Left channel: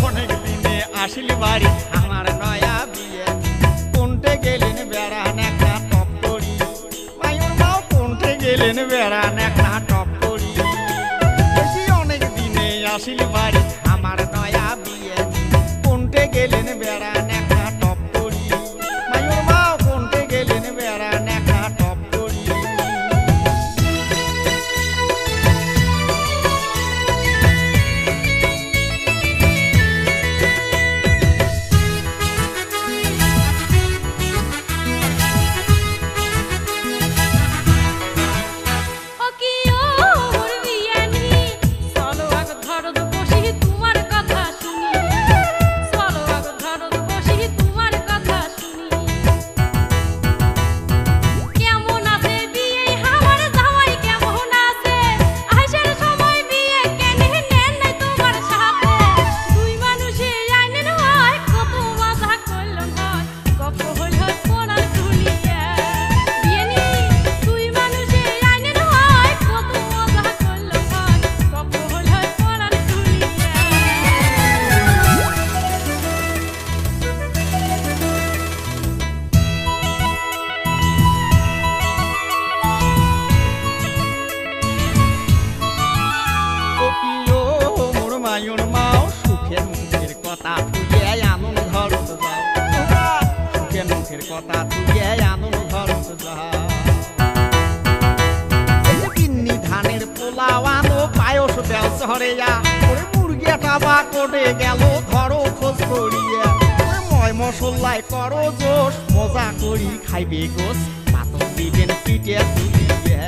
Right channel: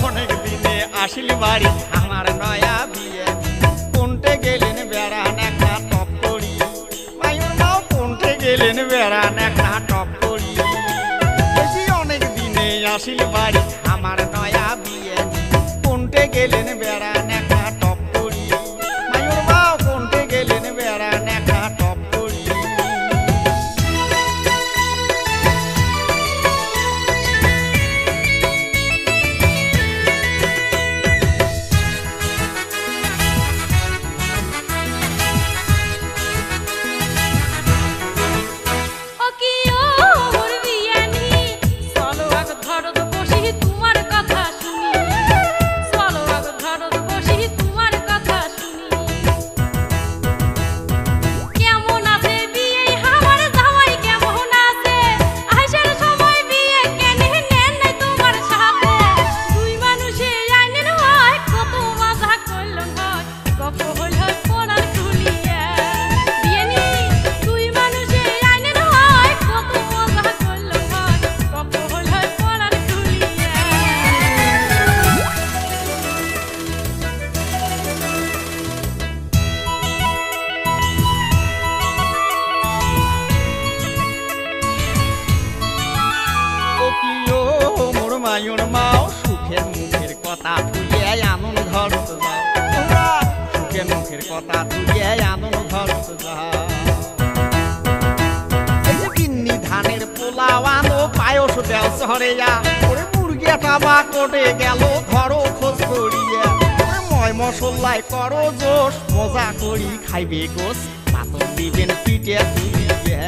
অনেক দিনে আসিল বাড়ি আমার নয়া বিয়ে কোনটে গেলেন বেড়ান একটা টপ করি মায়ুর মাও কোনটে গেলেন বেড়ান একটা টপ করি অনেক দিনে আসিল বাড়ি আমার নয়া বিয়ে কোনটে গেলেন বেড়ান একটা টপ করি মায়ুর মাও কোনটে গেলেন বেড়ান একটা টপ করি মোর মায়ুর মাও সুখের মুখের কথা থুয়ে আনন্দ ঘরত যাও তোমরা সুখের মুখের কথা থুয়ে আনন্দ ঘরত যাও এই যে বিন্নি ধানের পোলাও আনো পায়স দেও শহরেয়া ওরে মুরগিটা বা কোটে গেল ধরো খোঁজ করিয়া ওরে ময় মশলায় করো জোশ মজা করি খাইবে গোস পাতর দিবেন পিঠে তুলিয়া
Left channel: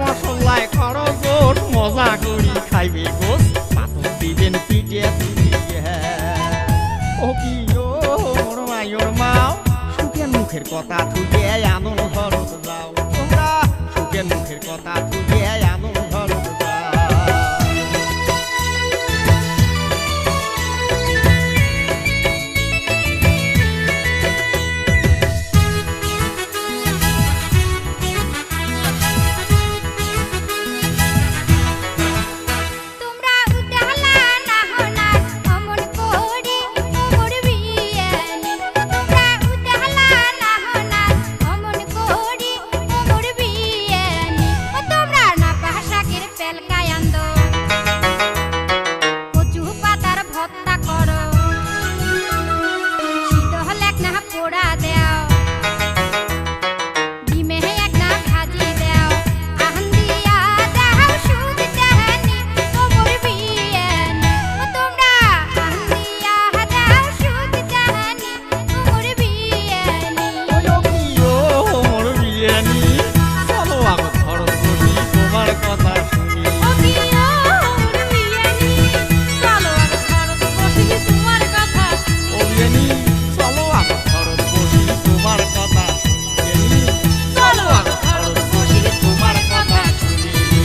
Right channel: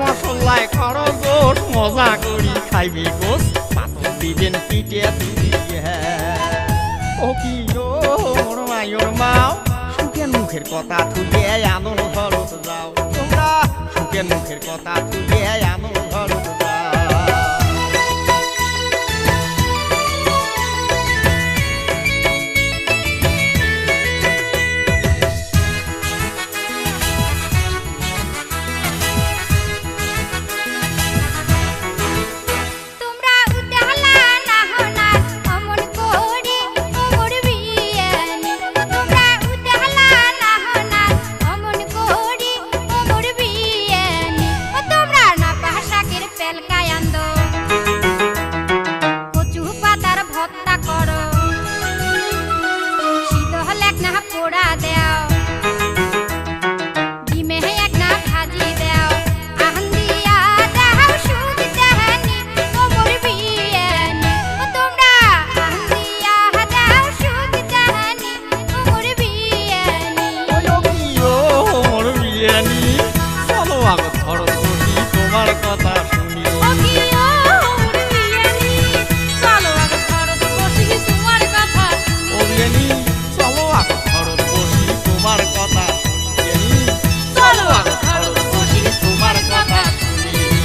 মশলায় করো জোশ মজা করি খাইবে গোস পাতর দিবেন পিঠে তুলিয়া ও কি ও মোর মায়ুর মাও সুখের মুখের কথা থুয়ে আনন্দ ঘরত যাও তোমরা সুখের মুখের কথা থুয়ে আনন্দ ঘরত যাও কচু পাতার ভর্তা করো সিদ্ধ হলে এক না পোড়া দেও ডিমে এক না ভাজি দেও আহান দিয়া দেও সুদ দেহানি ও মোর বিয়ানি ও তোমরা আহান দিয়া দেও সুদ দেহানি ও মোর বিয়ানি ও কি ও মোর বিয়ানি চলো আগত ঘরত বসি তোমার কথা শুনি ও কি ও মোর বিয়ানি চলো আগত ঘরত বসি তোমার কথা শুনি ও বিয়ানি চলো আগত ঘরত বসি তোমার কথা শুনি বিয়ানি চলো আগত ঘরত বসি তোমার কথা শুনি